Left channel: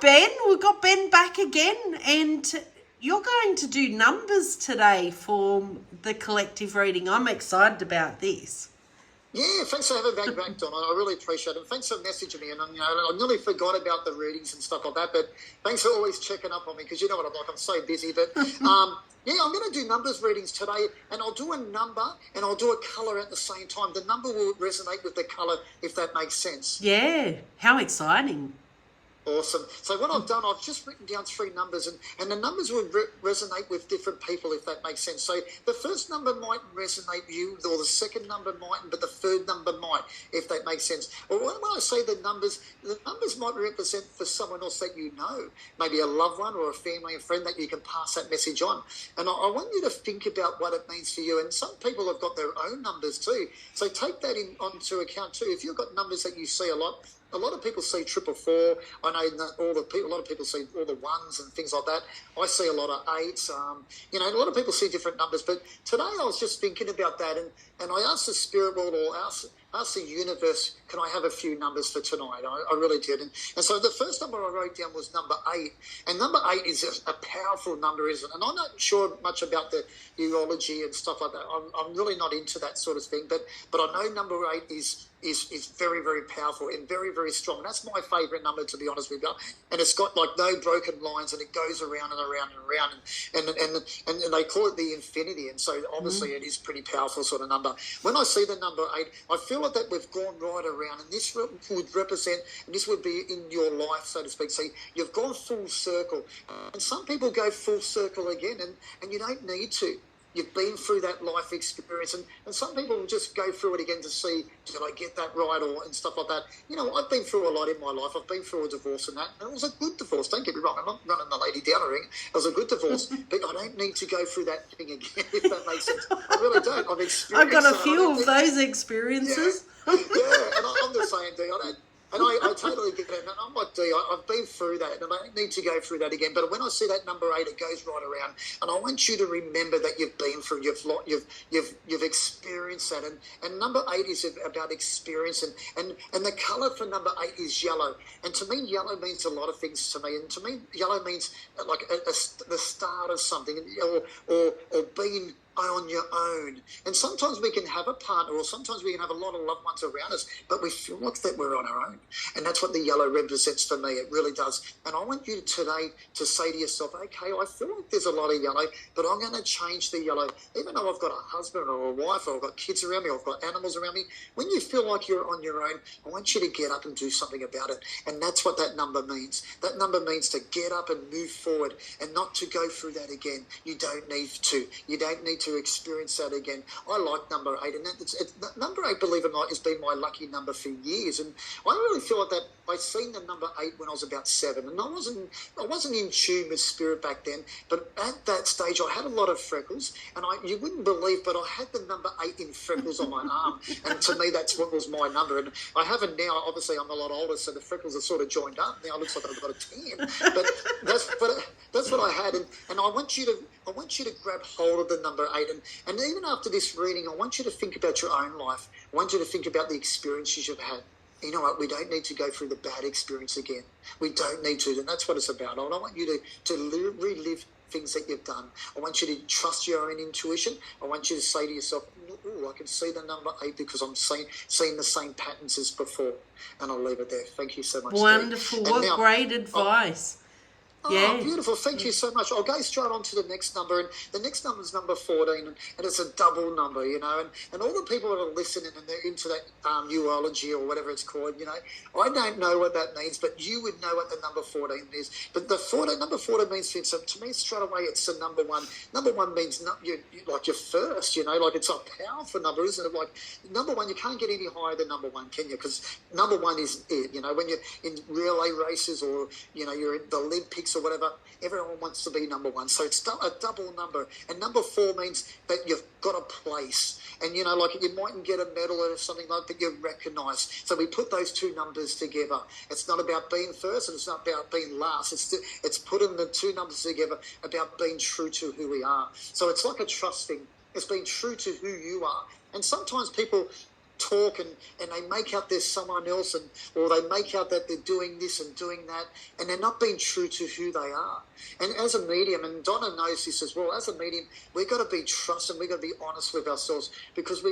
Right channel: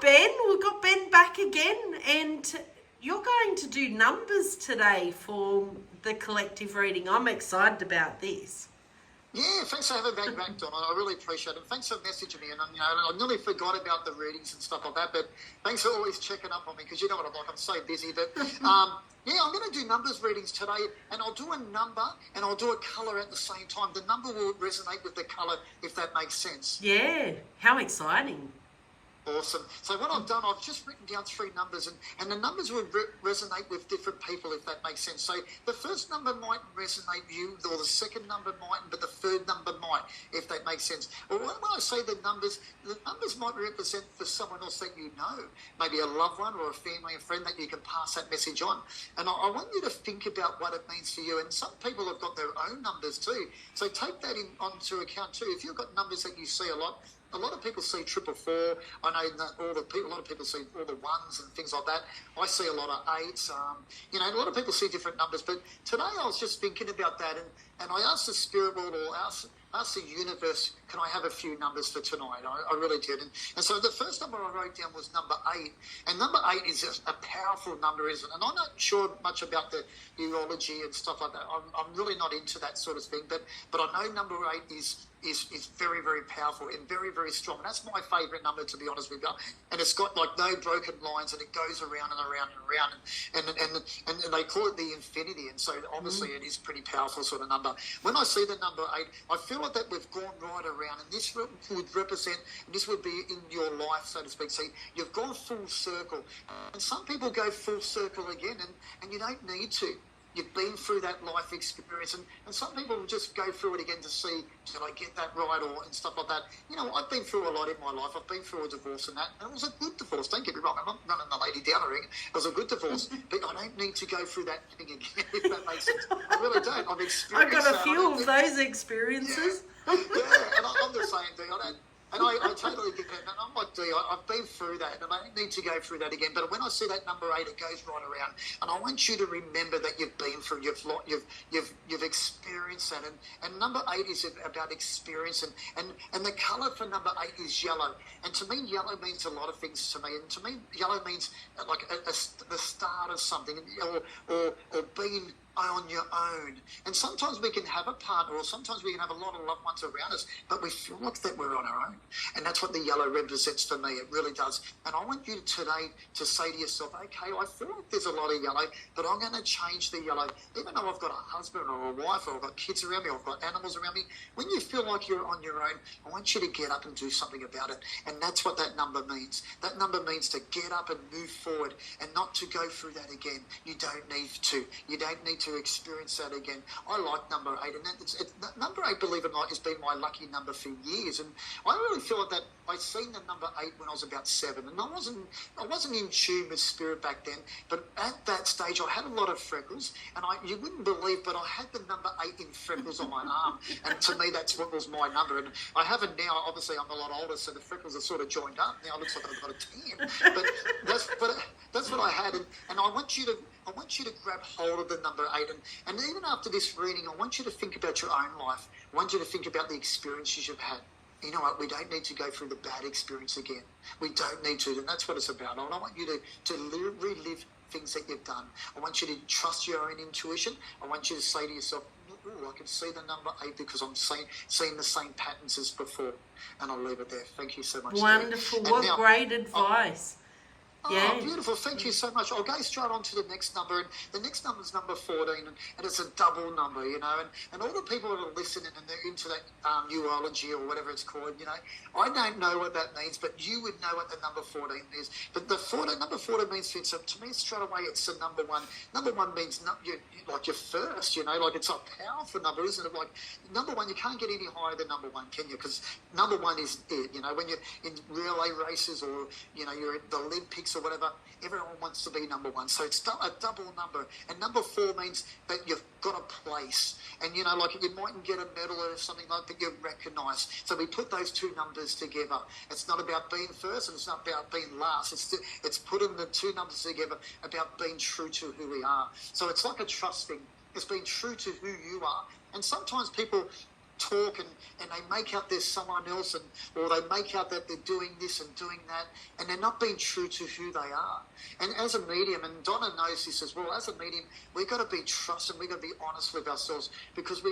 Ben. We've got Ben back again, and you're going to do numbers today for the collective reading. I'm excited about this. Yeah, thanks for having me back, Don. I really appreciate it. Thanks for messaging me. And I nearly forgot about the readings and stuff like that, but thanks for always checking up on me because you know what I'm like. I'm so busy. But yeah, I'm going to do numbers readings today, and I'll do a number and I'll do a colour at the same time. The number will resonate with the colour, if that makes sense. Yeah, how exciting. Awesome. So what I've done, I've just written down 3 numbers, and the numbers will resonate with different people, if that makes sense. So the first number might resonate with you, or the second number mightn't, but the third number might, if that makes sense. Or when I say the numbers might represent for someone else that you know, maybe a loved one or a family and friend that you can pass that message on. And I want you to think about what it means for you. And some people have got their own numbers too. So take that onto account too. If you've got numbers that you see a lot of people see 444. I know that a lot of people see all the ones and things like that. I see a lot of 8s. A lot of people see different numbers. But today I was just thinking about that, and I asked the spirit world, or asked the universe, can I have a few numbers for tonight? I really did. And so the first number I wrote down was number 8. And number 8 is a powerful number, isn't it? And I'm not sure much about the urology and stuff like that. I'm really not into that sort of thing. But I know number 8 is very, very powerful and very, very strong. That's my favourite number, to be honest with you. And it's got like no broken lines, and it goes around and around and around. And they call it the infinity. And so obviously it is pretty powerful sort of number. When I see the number 8, I feel like that we've gone right around. And this would represent, and this would be in your life, so to speak. See, you've gone full circle. And some people go full circle again, and you don't need to. You've been through that life experience, and some people will just go through it again to see, did I get that right, and stuff like that. I've been through a lot in my life. I've been through a divorce and that, and it was a good divorce. Don't get me wrong, I'm not running the lady down a ring. It was a good divorce, but I don't need to go through that thing again, if that makes sense. I really don't. I've experienced I've got a few of those experiences. Yeah, and I'm the same thing. I totally get it. And I'm like, I've been through that, and I don't need to go through that again. But when I see that number 8, it goes right around, and I want you to remember that you've been through, you've experienced that, and number 8 is about experience, and the colour for number 8 is yellow, and to me, yellow means a lot of things to me, and to me, yellow means like the start of something, or being on your own. And sometimes we can have a partner, or sometimes we can have a lot of loved ones around us, but we feel like that we're on our own. And that's what the yellow represents for me. It really does. And I want you today to say to yourself, okay, I feel like there's a lot of yellow, but I'm going to change the yellow. Even though I've got a husband or a wife, or I've got kids around me, or I've got animals around me, when you feel like you're on your own, I want you to get up and do something about it. And that's what that number means. That number means to get up and move forward, and not to go through that again. You don't need to. You don't need to experience that again. I like number 8, and number 8, believe it or not, has been my lucky number for years. And I really feel like that I seen the number 8 when I was about 7, and I wasn't in tune with spirit back then. But at that stage, I had a lot of freckles, and you wouldn't believe, but I had the number 8 in freckles on my arm, and to me, that's what was my number. And I have it now. Obviously, I'm a lot older, so the freckles are sort of joined up. Now it looks like I've got a 10, but that's what I had, and I want you to grab hold of the number 8, and even after this reading, I want you to think about your own life. I want you to think about the experiences you've had. You know what? We don't need to go through the bad experience again. We don't need to, and that's what it's about. And I want you to relive things that you've done. I want you to trust your own intuition. I want you to say to yourself, I can see the number 8 because I'm seeing the same patterns as before. And I'll leave it there. Thank you so much. Wonderful. What great advice. Yeah. Oh, beautiful. Thank you so much. I'll go straight on to the next number. And the next number is number 14, and it's a double number, and all the people that are listening and they're into that urology or whatever it's called, I don't know what that means, but you would know what the number 14 is. But the number 14 means, so to me, straight away, it's the number 1. Number 1 means like you're first, like it's a powerful number, isn't it? Like number 1, you can't get any higher than number 1, can you? Because number 1 is it, when you're in relay races, or, you're at the Olympics or whatever, everyone wants to be number 1. So it's a double number. And number 4 means that you've got a place. And, like you mightn't get a medal or something like that, but you're recognised. So we put those 2 numbers together. It's not about being first, and it's not about being last. It's putting the 2 numbers together about being true to who we are. So it's like a trust thing. It's being true to who you are. And sometimes people talk and they make out there's someone else, or they make out that they're doing this and doing that, and they're not being true to who they are. And as a medium, and Donna knows this as well, as a medium, we've got to be trusted, we've got to be honest with ourselves, because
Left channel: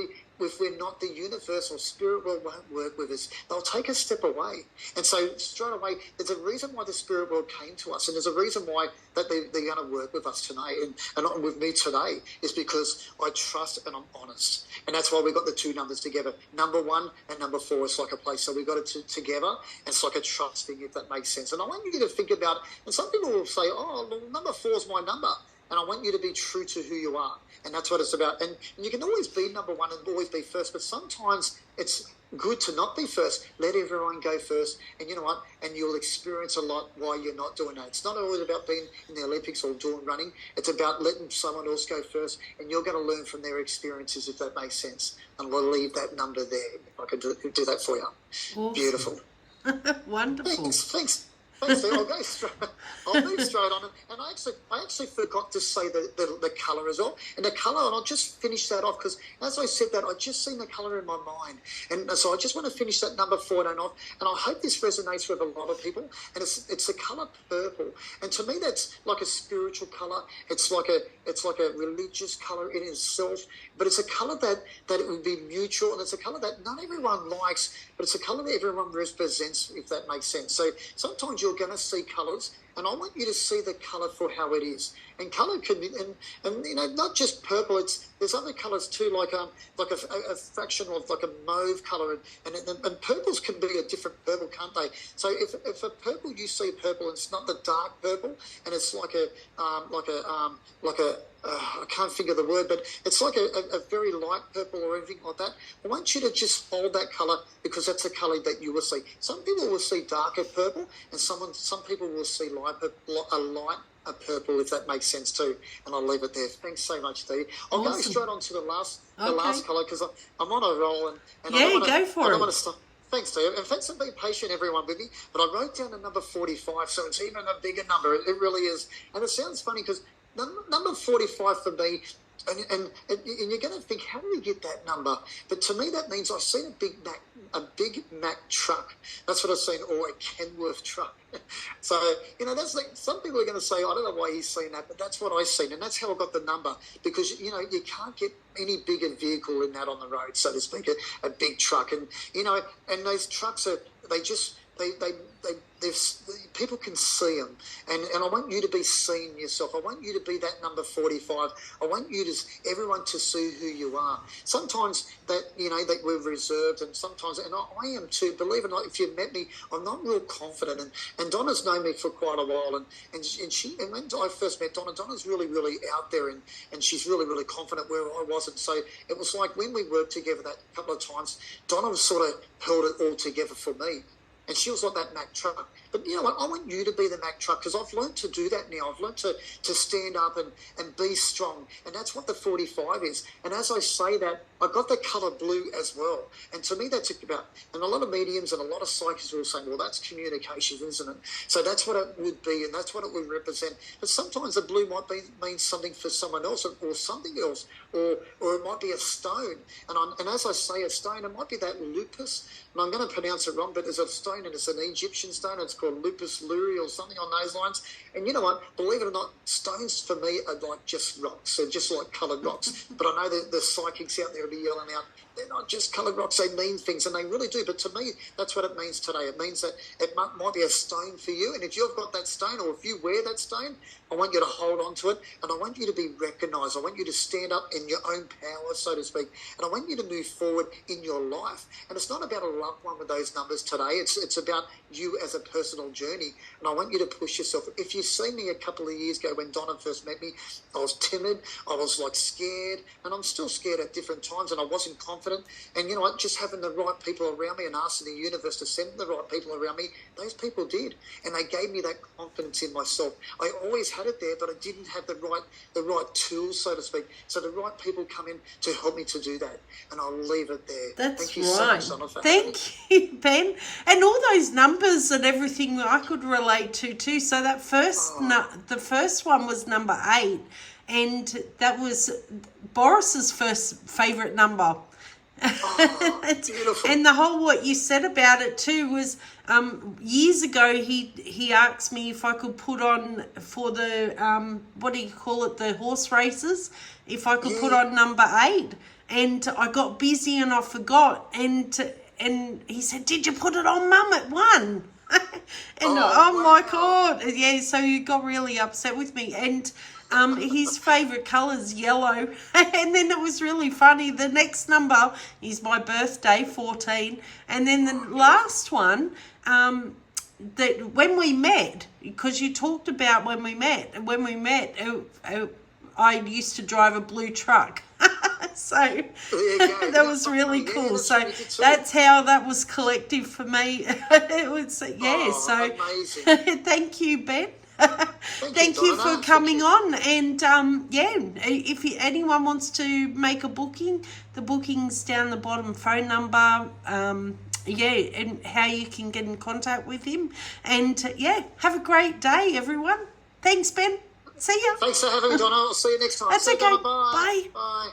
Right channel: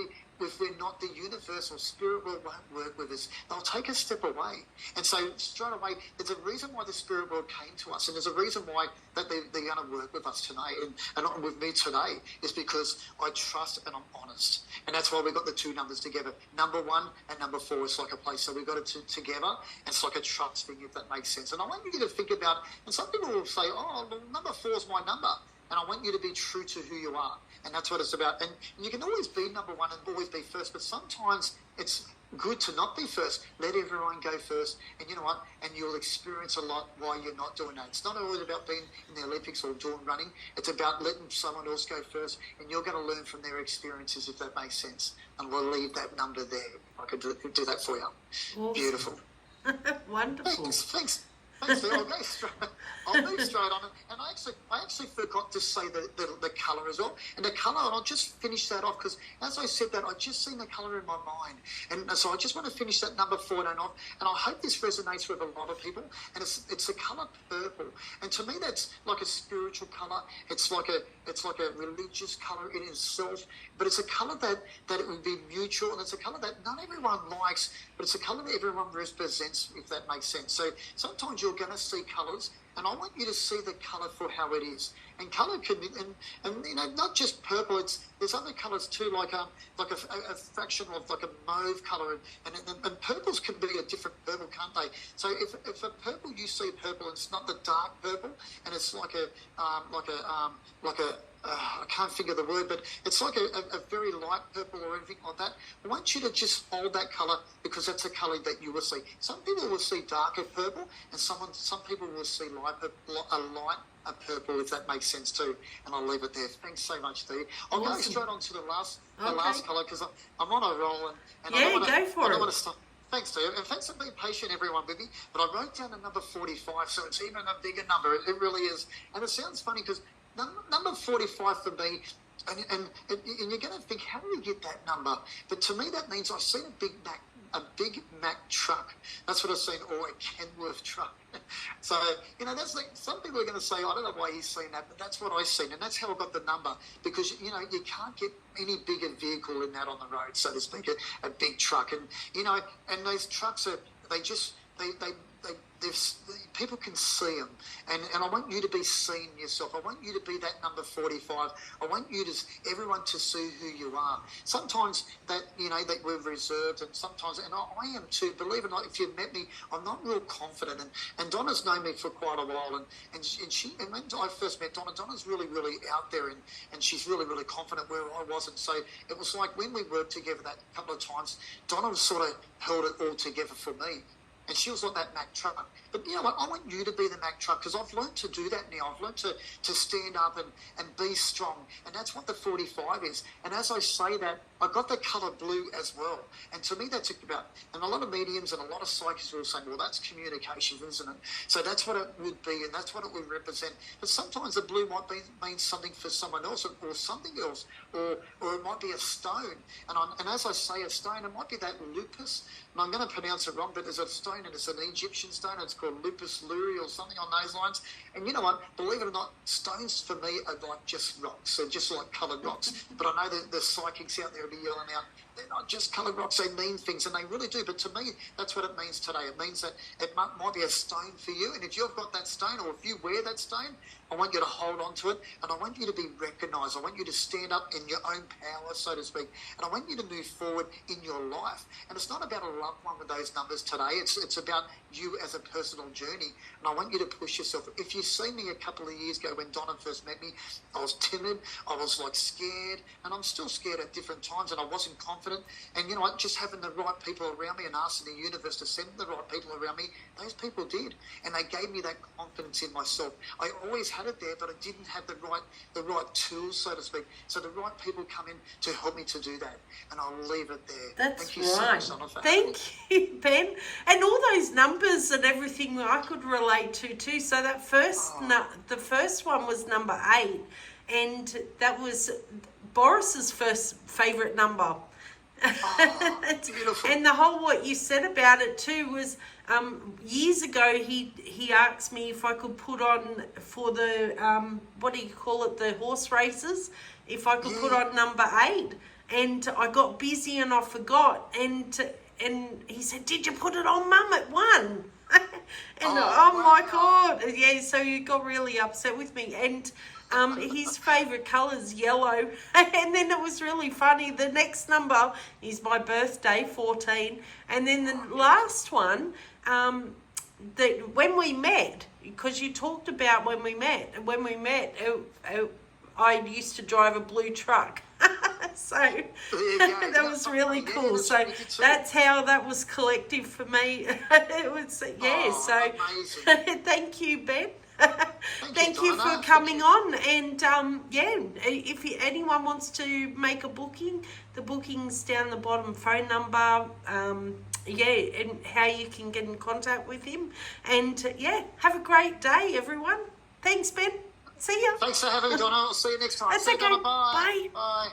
if we're not, the universe or spirit world won't work with us. They'll take a step away. And so straight away, there's a reason why the spirit world came to us, and there's a reason why that they're going to work with us tonight and with me today, is because I trust and I'm honest. And that's why we got the two numbers together. Number 1 and number 4 is like a place. So we got it together, and it's like a trust thing, if that makes sense. And I want you to think about, and some people will say, oh, well, number 4 is my number. And I want you to be true to who you are. And that's what it's about. And you can always be number 1 and always be first, but sometimes it's good to not be first. Let everyone go first. And you know what? And you'll experience a lot while you're not doing that. It's not always about being in the Olympics or doing running. It's about letting someone else go first, and you're going to learn from their experiences, if that makes sense. And we'll leave that number there. I can do that for you. Awesome. Beautiful. Wonderful. Thanks. Thanks, Steve. I'll move straight on. And I actually forgot to say the colour as well. And the colour, and I'll just finish that off, because as I said that, I just seen the colour in my mind. And so I just want to finish that number 4 and off. And I hope this resonates with a lot of people. And it's the colour purple. And to me, that's like a spiritual colour. It's like a religious colour in itself. But it's a colour that it would be neutral, and it's a colour that not everyone likes, but it's a colour that everyone represents, if that makes sense. So sometimes you're going to see colours, and I want you to see the colour for how it is. And colour can be, and you know, not just purple. There's other colours too, like a fraction of like a mauve colour, and purples can be a different purple, can't they? So if a purple, you see purple, and it's not the dark purple, and it's like a I can't think of the word, but it's like a very light purple or anything like that. I want you to just hold that colour, because that's the colour that you will see. Some people will see darker purple, and some people will see a purple, if that makes sense too. And I'll leave it there. Thanks so much, Steve. I'll go straight on to the last colour, because I'm on a roll. And go for it. I don't want to stop. Thanks, Steve. And thanks for being patient, everyone, with me. But I wrote down the number 45, so it's even a bigger number. It really is. And it sounds funny, because number 45 for me, and you're going to think, how do you get that number? But to me, that means I've seen a Big Mac truck. That's what I've seen, or a Kenworth truck. So, you know, that's like, some people are going to say, I don't know why he's seen that, but that's what I've seen. And that's how I got the number, because, you know, you can't get any bigger vehicle than that on the road, so to speak, a big truck. And, you know, and those trucks people can see them, and I want you to be seeing yourself. I want you to be that number 45. I want everyone to see who you are. Sometimes that, you know, that we're reserved, and sometimes, and I am too. Believe it or not, if you've met me, I'm not real confident. And Donna's known me for quite a while, and when I first met Donna's really, really out there, and she's really, really confident where I wasn't. So it was like when we worked together that couple of times, Donna sort of held it all together for me. And she was like that Mack truck. But you know what? I want you to be the Mack truck, because I've learned to do that now. I've learned to stand up and be strong. And that's what the 45 is. And as I say that, I got the colour blue as well. And to me, that's about, and a lot of mediums and a lot of psychics will say, well, that's communication, isn't it? So that's what it would be, and that's what it would represent. But sometimes the blue might mean something for someone else, or something else, or it might be a stone. And as I say a stone, it might be that lupus. And I'm going to pronounce it wrong, but there's a stone, and it's an Egyptian stone. It's called lupus luri or something on those lines. And you know what? Believe it or not, stones for me are like just rocks. They're just like coloured rocks. But I know that the psychics out there will be yelling out, they're not just coloured rocks, they mean things, and they really do. But to me, that's what it means today. It means that it might be a stone for you, and if you've got that stone, or if you wear that stone, I want you to hold on to it, and I want you to be recognised. I want you to stand up in your own power, so to speak, and I want you to move forward in your life. And it's not about a loved one with those numbers today. It's about you as a personal journey, and I want you to push yourself. If you see me a couple of years ago when Donna first met me, I was timid, I was like scared, and I'm still scared at different times, and I wasn't confident. And you know what, just having the right people around me and asking the universe to send the right people around me, those people did, and they gave me that confidence in myself. I always had it there, but I didn't have the right tools, so to speak. So the right people come in to help me to do that, and I'll leave it there. That's Thank you right. so much, Donna. Thank you, Ben. And all those numbers and everything I could relate to too. So that the first one was number 8, and that was Boris's first favourite number. Oh, beautiful. And the whole what you said about it too was years ago he asked me if I could put on for the what do you call it, the horse races, if I could put on number 8, and I got busy and I forgot, and he said, did you put it on, Mum, at 1? And oh my God, yeah, so he got really upset with me. And his favourite colour's yellow. And then it was really funny. The next number is my birthday, 14. And then the last one, that when we met, because you talked about when we met, I used to drive a blue truck. So that was really cool. So that's how that was collective for me. It was, amazing. Thank you, Ben. Thank you Donna. for coming on. And if anyone wants to make a booking, the booking's down the bottom, phone number, and how you can get in contact with him. And have a great day, everyone. Thanks, Ben. See ya. Thanks for having me, Donna. I'll see you next time. That's See you, okay. Donna. Bye. Bye. Bye.